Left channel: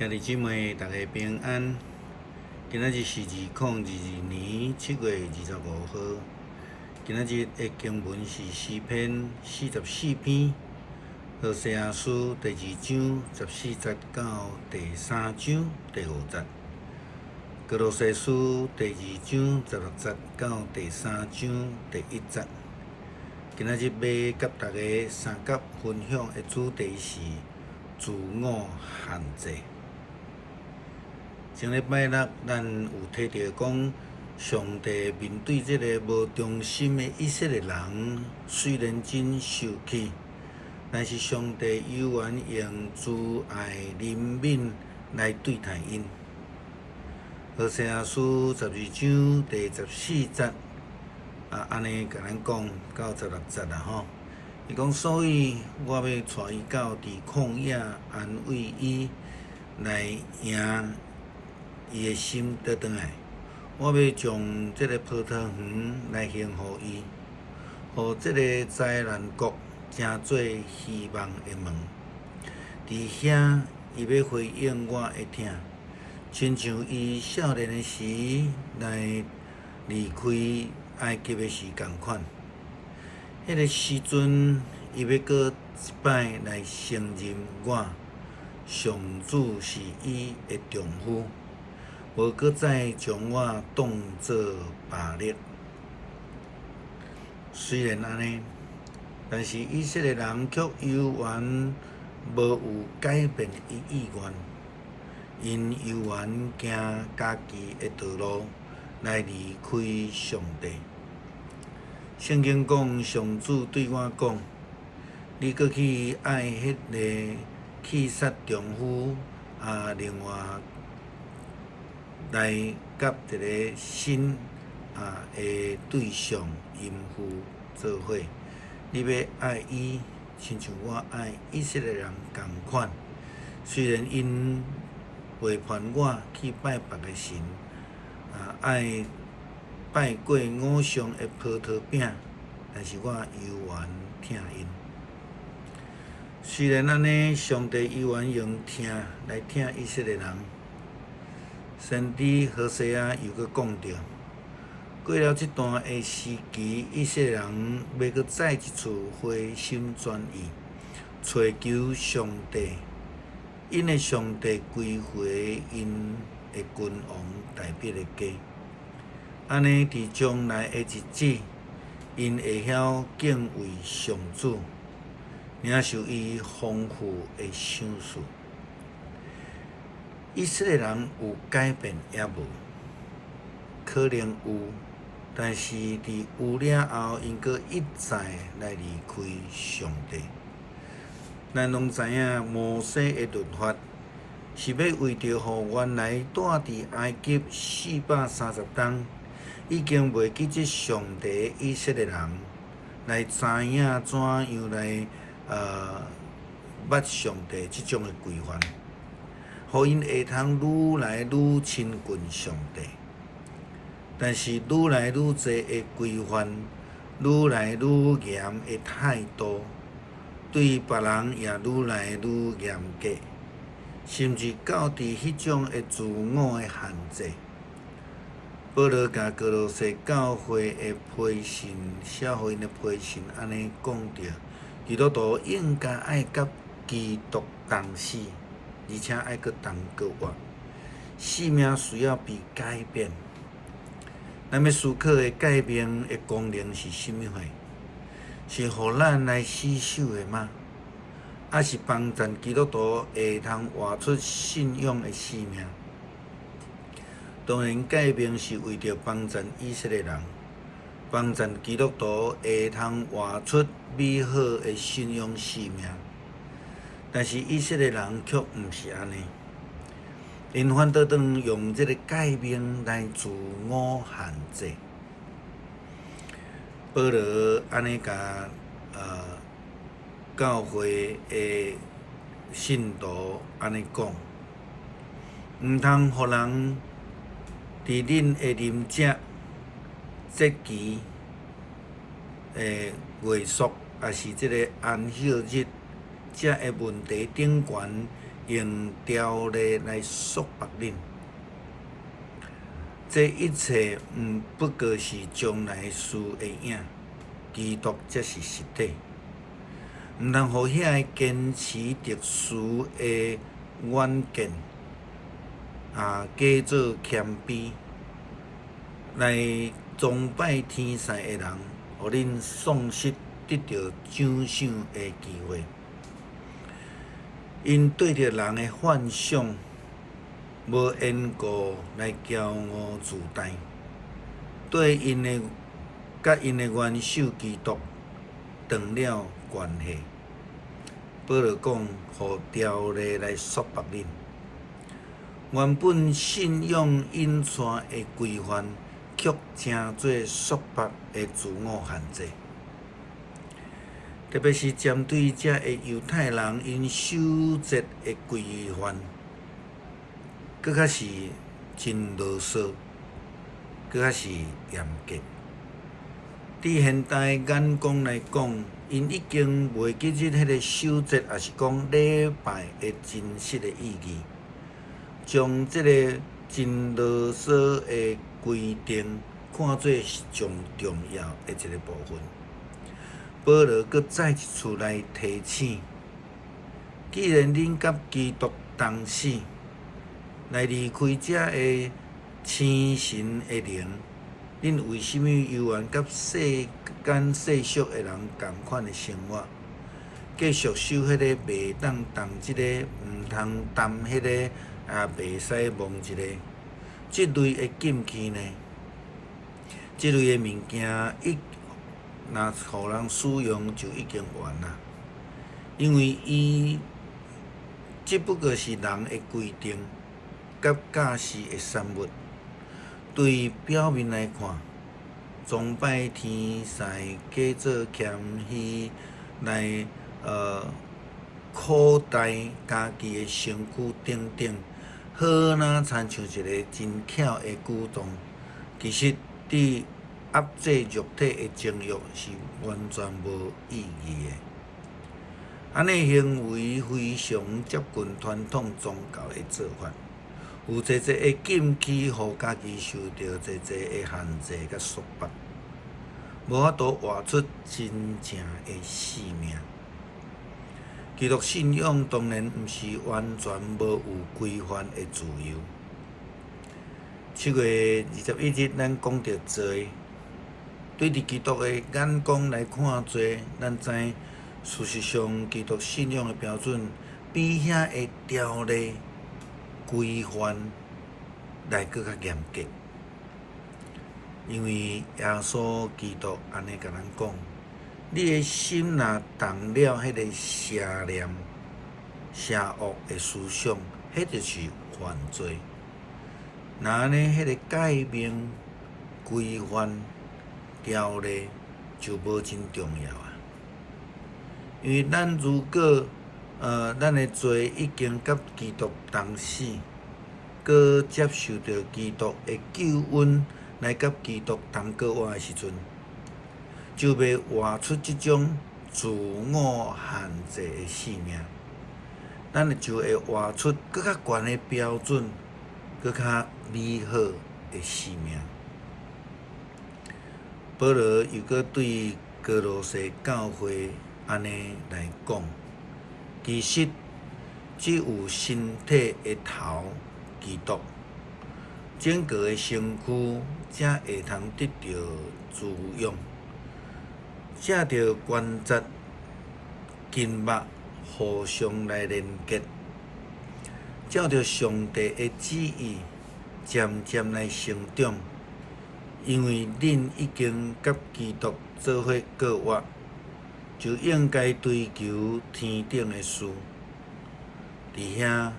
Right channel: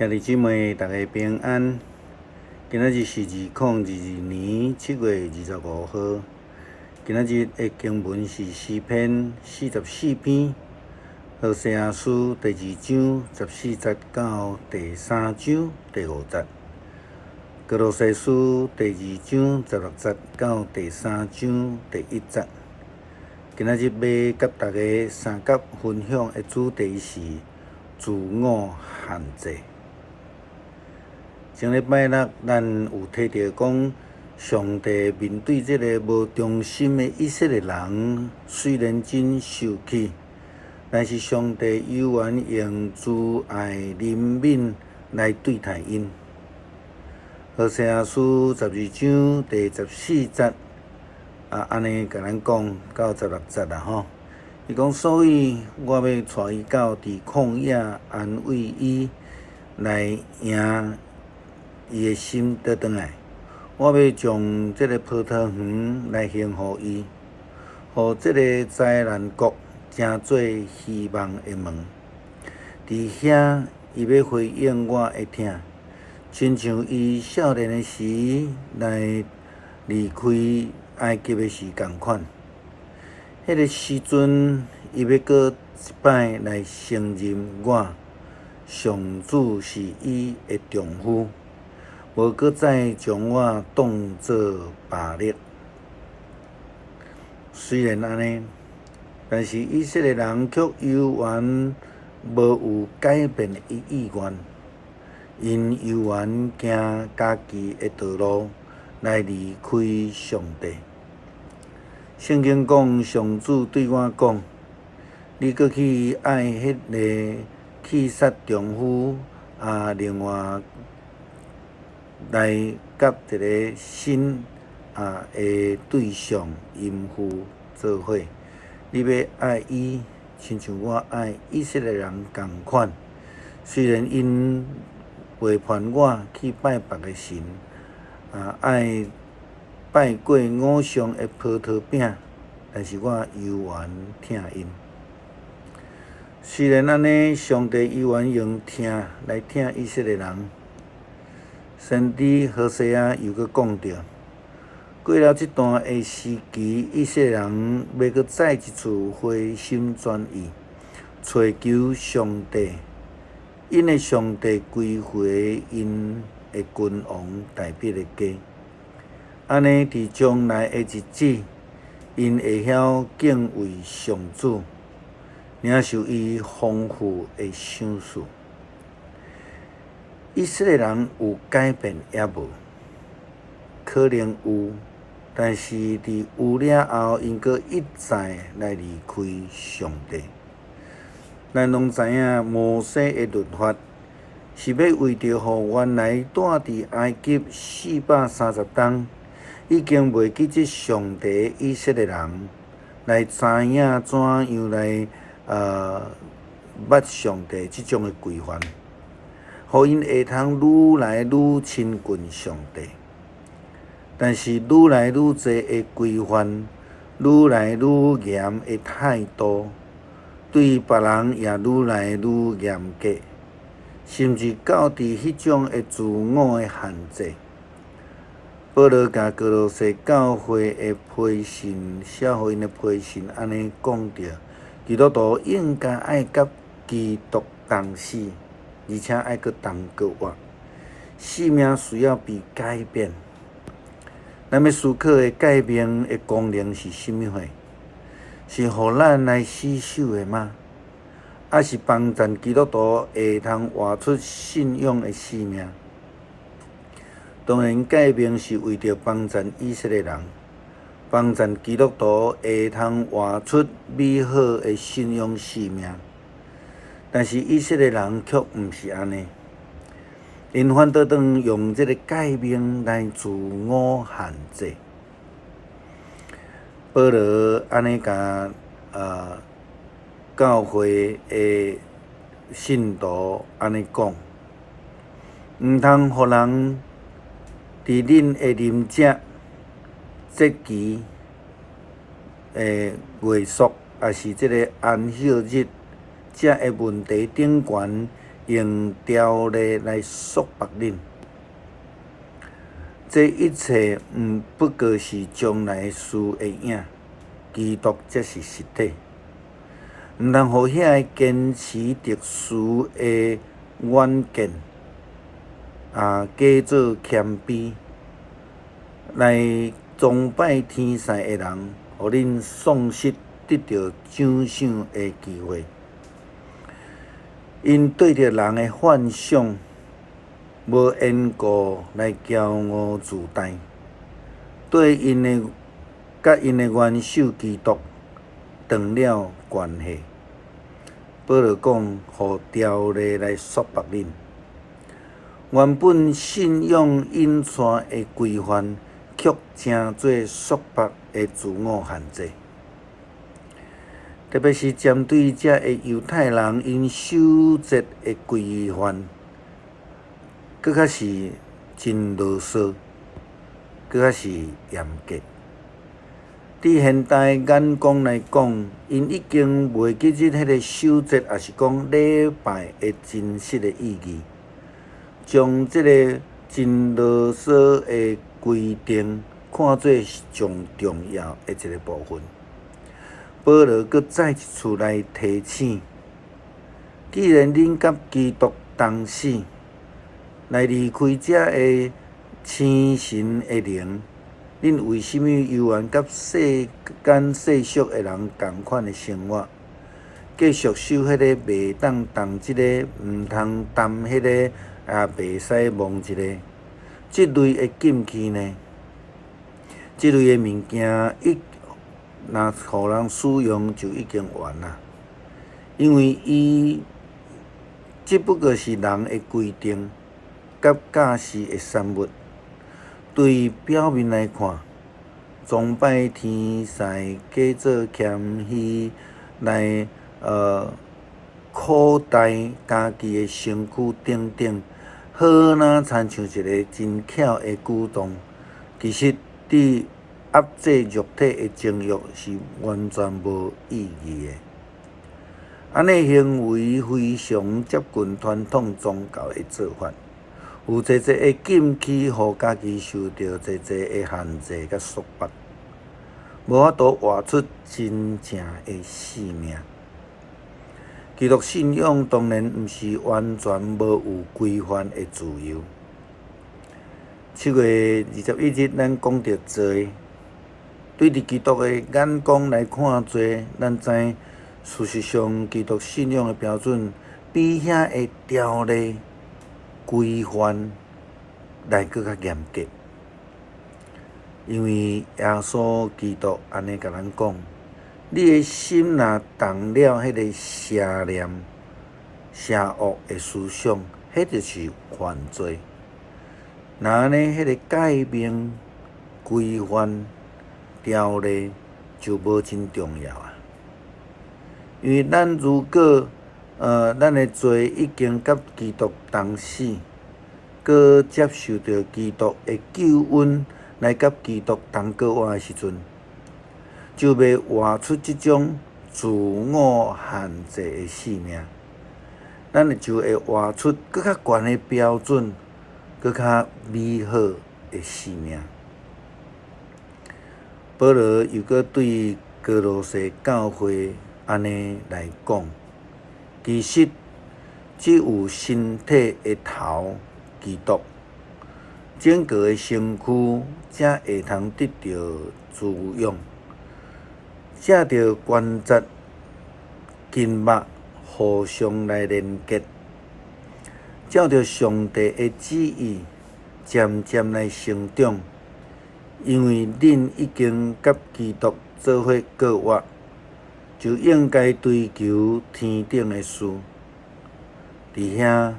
兄弟姊妹，大家平安。今仔日是2022年7月25号。今仔日的经文是诗篇44篇，何西阿书第2章14节到第3章第5节，歌罗西书第2章16节到第3章第1节。今仔日要甲大家三角分享的主题是自我限制。前礼拜六，咱有提到讲，上帝面对这个无忠心的以色列人，虽然真受气，但是上帝依然用慈爱怜悯来对待因。何西阿书12章第14节安尼甲咱讲到16节吼。伊讲，所以我要带伊到伫旷野安慰伊，来赢伊的心倒转来。我要将这个葡萄园来献互伊，互这个灾难国成做希望的门。伫遐，伊要回应我的听，亲像伊少年的时来离开埃及的时共款。迄个时阵，伊要搁一摆来承认我，上主是伊的丈夫。无搁再将我当作霸力。虽然安尼，但是以色列人却犹原无有改变的意愿，因犹原行家己的道路来离开上帝。圣经讲，上主对我讲：“你搁去爱迄个去杀丈夫另外。”来甲一个新的对象淫妇做伙，你要爱伊，亲像我爱以色列人共款。虽然因背叛我去拜别个神，爱拜过偶像的葡萄饼，但是我犹原听因。虽然安尼，上帝依然用听来听以色列人。先知何西阿又搁讲着，过了这段的时期，以色列人要搁再一次回心转意，找求上帝，因的上帝归回因的君王代表的家。安尼伫将来的日子，因会晓敬畏上主，领受伊丰富的赏赐。以色列人有改变也无？可能有，但是伫有了后，因搁一再来离开上帝。咱拢知影，摩西的律法是要为着互原来住伫埃及430冬，已经袂记即上帝以色列人来知影怎样来捌上帝即种的规范。互因会通愈来愈亲近上帝，但是愈来愈侪的规范，愈来愈严的态度，对别人也愈来愈严格，甚至到伫迄种的自我的限制。保罗甲歌罗西教会的批信，写互因的批信，安尼讲着，基督徒应该爱甲基督同死。而且爱搁同过活，生命需要被改变。咱要思考的改变的功能是甚物货？是互咱来死守的吗？还是帮助基督徒会通活出信仰的生命？当然，改变是为着帮助以色列人，帮助基督徒会通活出美好的信仰生命。但是以色列人却毋是安尼，因反倒当用这个改变来自我限制。保罗安尼甲教会的信徒安尼讲，毋通互人伫恁的啉食、节期、月朔，也是这个安息日。这个问题顶悬，用条例来束缚恁。这一切不过是将来事的影，基督才是实体。毋通互遐坚持特殊的远见假做谦卑，来崇拜天使的人，互恁丧失得到奖赏的机会。因对着人的幻想，无缘故来骄傲自大，对甲因的元首基督断了关系。保罗讲，互条例来束缚恁。原本信仰引带的规范，却成做束缚的自我限制。特别是针对这个犹太人因守节的规范，搁较是真啰嗦，搁较是严格。伫现代眼光来讲，因已经袂记得迄个守节，也是讲礼拜的真实的意义，将即个真啰嗦的规定看作是上重要的一个部分。保罗搁再一次来提醒：既然恁甲基督同死，来离开这个生神的灵，恁为什么犹原甲世间世俗的人同款的生活，继续守迄个袂当动即个，毋通谈迄个，袂使摸一个，即类的禁忌呢？即类的物件若互人使用就已经完啦，因为即不过是人的规定，甲假释的产物。对表面来看，崇拜天使、假做谦虚，来扩大家己的身躯等等，好若亲像一个真巧的举动，其实伫压制肉体的情欲是完全无意义的。安尼行为非常接近传统宗教的做法，有侪的禁忌，互家己受到侪的限制甲束缚，无法度活出真正的生命。基督信仰当然毋是完全无有规范的自由。7月21日，咱讲到罪。对伫基督的眼光来看罪，咱知事实上基督信仰的标准比遐的条例规范来搁较严格。因为耶稣基督安尼甲咱讲，你的心若动了迄个邪念、邪恶的思想，迄就是犯罪。那安尼，迄个诫命、规范、条例就无真重要啊。因为咱如果咱的罪已经甲基督同死，搁接受到基督的救恩，来甲基督同过活的时阵，就袂活出即种自我限制的生命。咱就会活出更较悬的标准，更较美好的生命。保罗又搁对哥罗西教会安尼来讲，其实只有身体的头基督，整个的身躯才会通得到滋养，才着关节、筋肉互相来连结，照着上帝的旨意，渐渐来成长。因为恁已经甲基督做伙过活，就应该追求天顶的事。伫遐，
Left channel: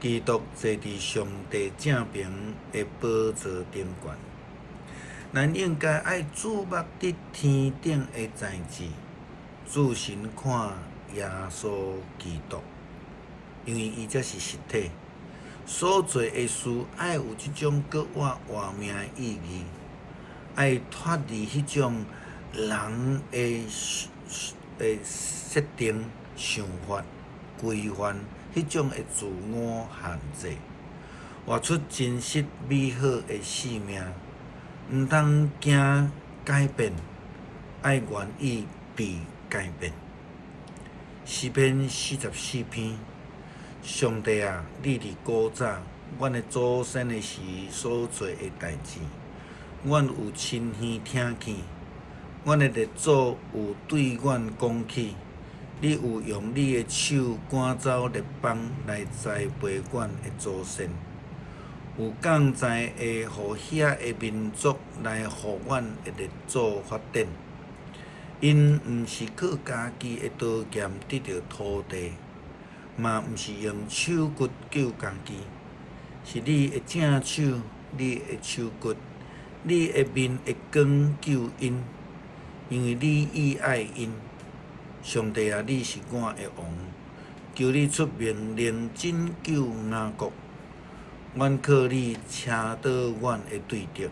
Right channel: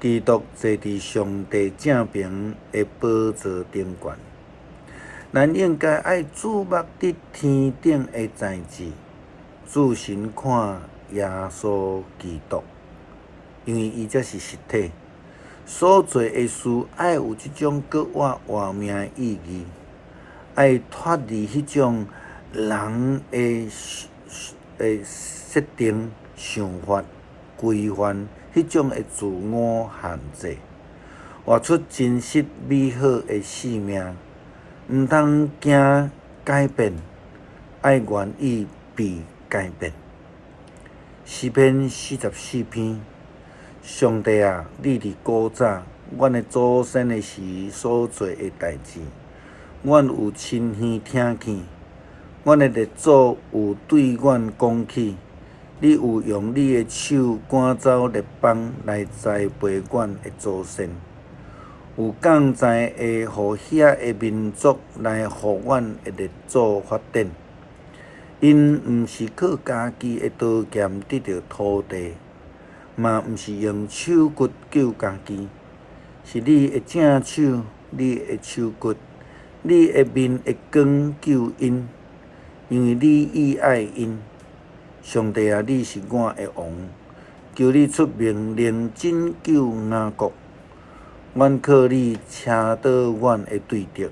基督坐伫上帝正平的宝座顶悬，咱应该爱注目伫天顶的代志，注神看耶稣基督，因为伊才是实体。所做的事爱有即种过活命的意义，爱脱离迄种人的设定、想法、规范、迄种的自我限制，活出真实美好的生命。毋通惊改变，爱愿意被改变。诗篇44篇，上帝啊，你伫古早，阮的祖先的时所做的代志，阮有亲耳听见。阮的列祖有对阮讲起，你有用你的手赶走列邦来栽培阮的祖先，有降灾会互遐的民族来互阮的列祖发展。因毋是靠家己的刀剑得到土地，嘛毋是用手骨救家己，是你的正手，你的手骨，你的面的光救因。因为你意爱因，上帝啊，你是我的王，求你出命令拯救雅各。阮靠你车倒阮的对敌，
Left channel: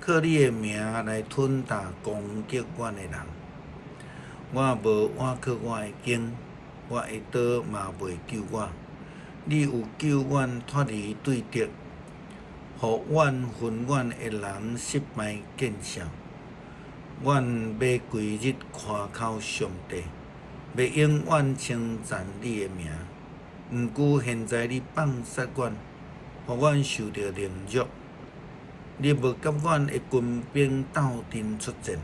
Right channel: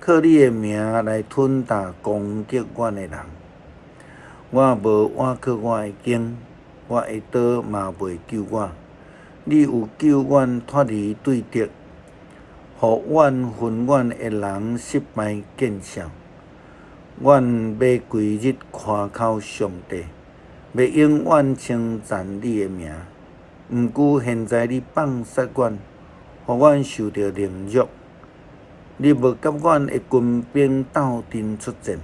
靠你的名来吞踏攻击阮的人。我无倚靠我的弓，我的刀嘛袂救我。你有救阮脱离对敌，互阮分阮的人失败见效。阮要规日夸口上帝，要永远称赞你的名。毋过现在你放杀阮，互阮受到凌辱。你无甲阮的军兵斗阵出战，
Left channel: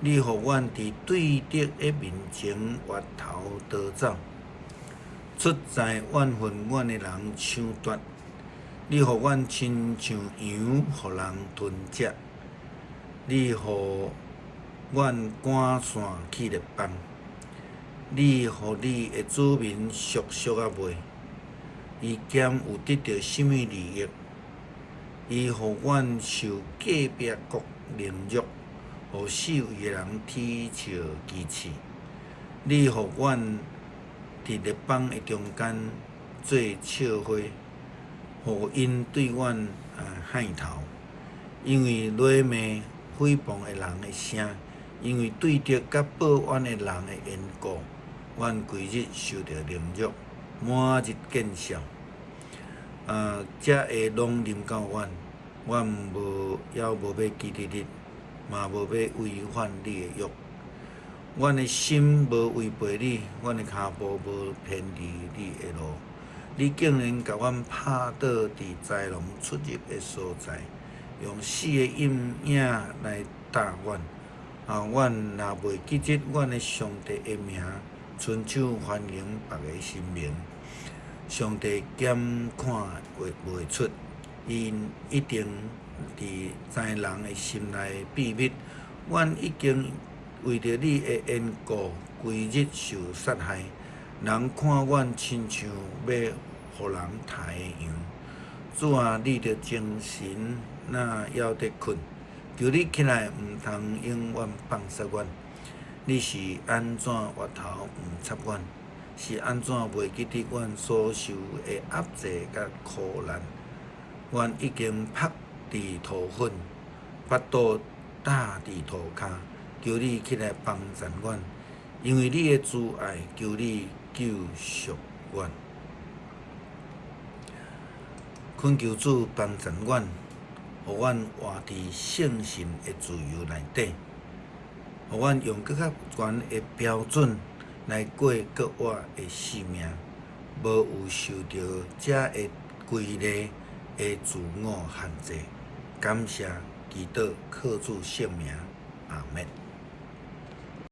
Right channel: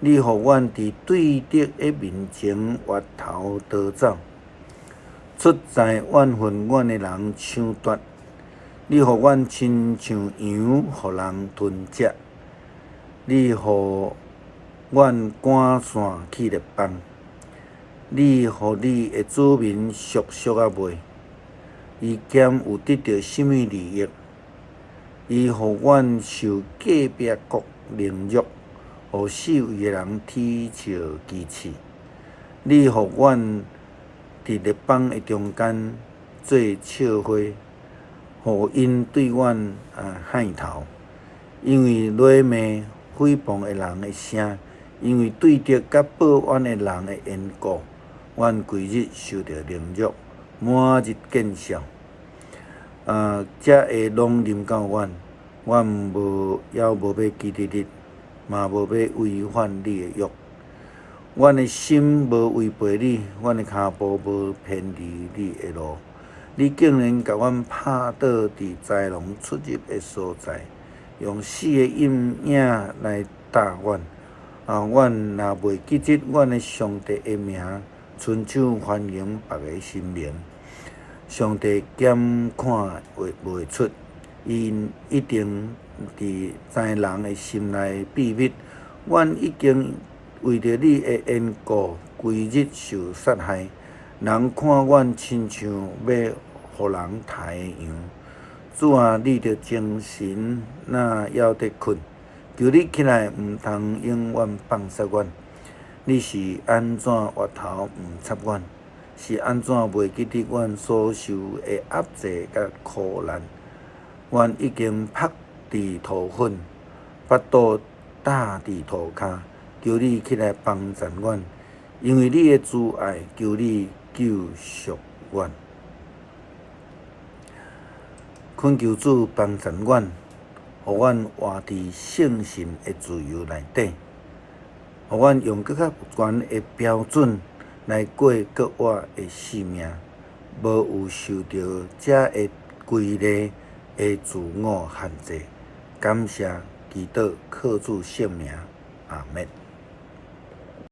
你互阮伫对敌的面前越头逃走。出在怨恨阮的人抢夺，你互阮亲像羊，互人吞食。你互阮赶散去列邦，你互你的子民俗俗啊袂，伊兼有得到什么利益？伊互阮受隔壁国凌辱，互四围的人啼笑讥刺。你互阮伫列邦的中间做笑话，互因对阮害头。因为落骂诽谤的人的声，因为对敌甲报怨的人的缘故，阮规日受到凌辱，满日见笑。才会拢临到阮，阮无要记得你，嘛无要违反你的约。阮的心无违背你，阮的骹步无偏离你的路。你竟然甲阮拍倒伫豺狼出入的所在，用死的阴影来打阮。阮若袂记得阮的上帝的名，亲手欢迎别个神明。上帝检看袂出，因一定伫知人的心内秘密。阮已经为着你的缘故，规日受杀害。人看阮亲像要互人杀的羊。主啊，你着精神哪还得困？求你起来，毋通永远放杀阮。你是安怎活头毋插阮？是安怎袂记得阮所受的压制甲苦难？阮已经趴伫土粉，巴肚搭伫涂骹，求你起来帮助阮，因为你的慈爱，求你救赎阮。恳求主帮助阮，互阮活伫圣神的自由内底，互阮用更较悬的标准来过搁活的生命，无有受到这个规律的自我限制。感谢祈祷，靠主圣名，阿们。